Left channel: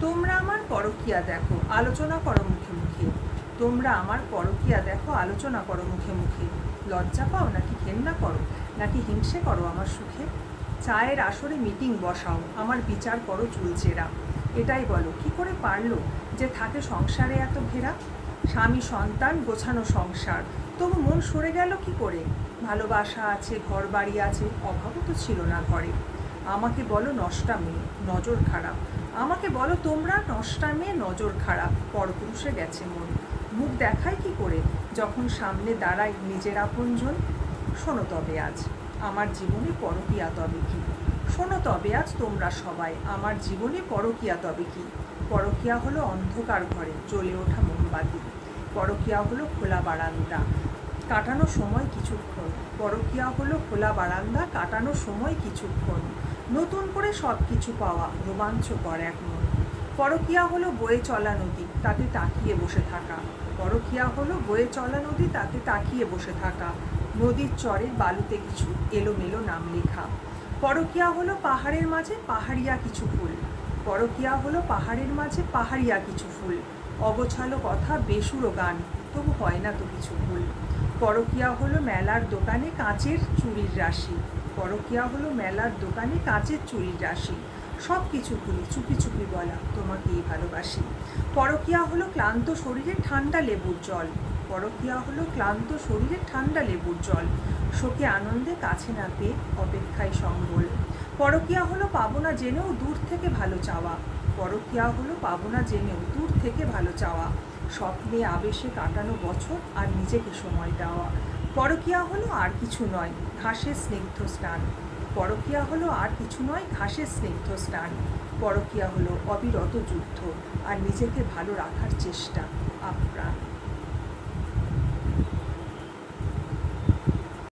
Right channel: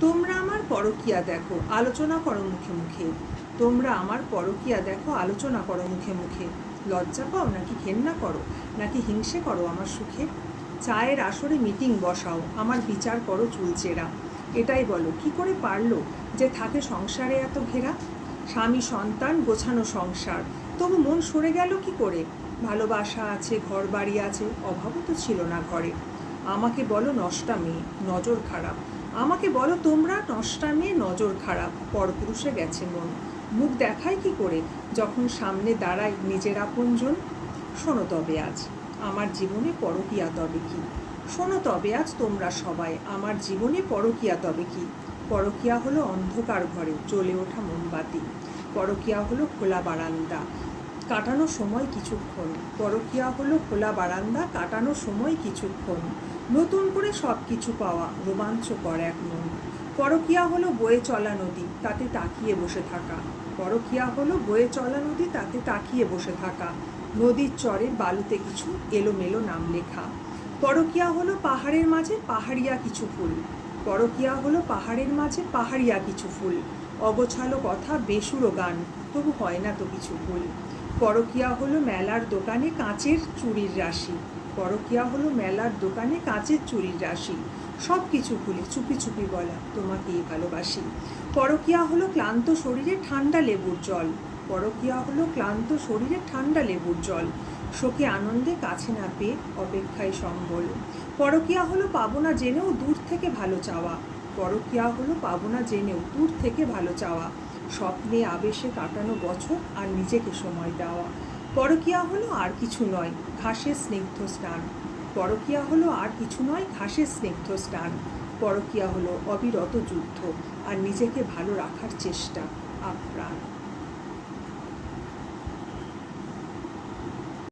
তোমরা আমার পরকীয়া দেখো, আলোচনা করো মুখে মুখে। তোমরা আমার পরকীয়া দেখো, আলোচনা করো মুখে মুখে। লজ্জা পাও নাকি ঘেন্না করো, নাকি হিংসে করো আমার সুখে? চায়ের আসরে মিটিং বসাও, আমার বিচার করো চুলচেরা। এটাই বলো, কি করে পারলো যে থাকে সংসারে এত ঘেরা? স্বামী সন্তান গোছানো সংসার, তবু মন সরে গেল কি করে? ভালোবাসা আছে, ঘর বাড়ি আছে, অভাবও তো ছিল না ঘরে। আমাকে বলো নষ্টা মেয়ে, নজর খারাপ। আমাকে বলো তোমরা নষ্টা মেয়ে, নজর খারাপ। পরপুরুষে গেছে মন, মুখ দেখায় কি করে যখন সামনে দাঁড়ায় নিজের আপনজন? শোনো তবে আজ আমার জীবনে পরকীয়া তবে কি? শোনো তবে আজ তোমরা সবাই, আমার জীবনে পরকীয়া তবে কি? পরকীয়া হলো অন্ধকার ঘরে জ্বলে ওঠা মোমবাতি। পরকীয়া হলো খোলা বারান্দা, কাটানো সময় কিছুক্ষণ। পরকীয়া হলো খোলা বারান্দা, কাটানো সময় কিছুক্ষণ। নতুন করে সব কিছু পাওয়া, রোমাঞ্চকর এক মন। পরকীয়া হলো বয়ে চলা নদী, তাতে তাকিয়ে বসে থাকা। পরকীয়া হলো বয়ে চলা নদী, তাতে তাকিয়ে বসে থাকা। নদীর চরের বালুতে কিছু এলোমেলো নাম লেখা। পরকীয়া হলো পাহাড়ের মাঝে পাহাড়িয়া কিছু ফুল। পরকীয়া হলো পাহাড়ের মাঝে পাহাড়িয়া কিছু ফুল। অগোছালো কথা, বেসুরো গান, তবু হয় না তো কিছু ভুল। পরকীয়া হলো মেলার দোকানে কাঁচের চুড়ির রাশি। পরকীয়া হলো মেলার দোকানে কাঁচের চুড়ির রাশি। সব কিছু ভুলে চুপি চুপি বলা, তোমাকেই ভালোবাসি। পরকীয়া হলো ক্লান্ত শরীরে ঠান্ডা লেবুর জল। পরকীয়া হলো ক্লান্ত শরীরে ঠান্ডা লেবুর জল। শোকে আনন্দে কাছে না পেয়ে অপেক্ষায় সম্বল। পরকীয়া হলো পাবো না জেনেও দূর থেকে ভালো চাওয়া। পরকীয়া হলো পাবো না জেনেও দূর থেকে ভালো চাওয়া। স্বপ্নে আবেশে কাটানো বছর আর নিজেকে সময় দেওয়া। পরকীয়া হলো আর কিছু নয়, ঘাসের স্নিগ্ধ স্নান। পরকীয়া হলো আর কিছু নয়, ঘাসের স্নিগ্ধ স্নান। পরকীয়া হলো অবিরত যুদ্ধ আর নিজেকে ভালো রাখার চেষ্টা আপ্রাণ।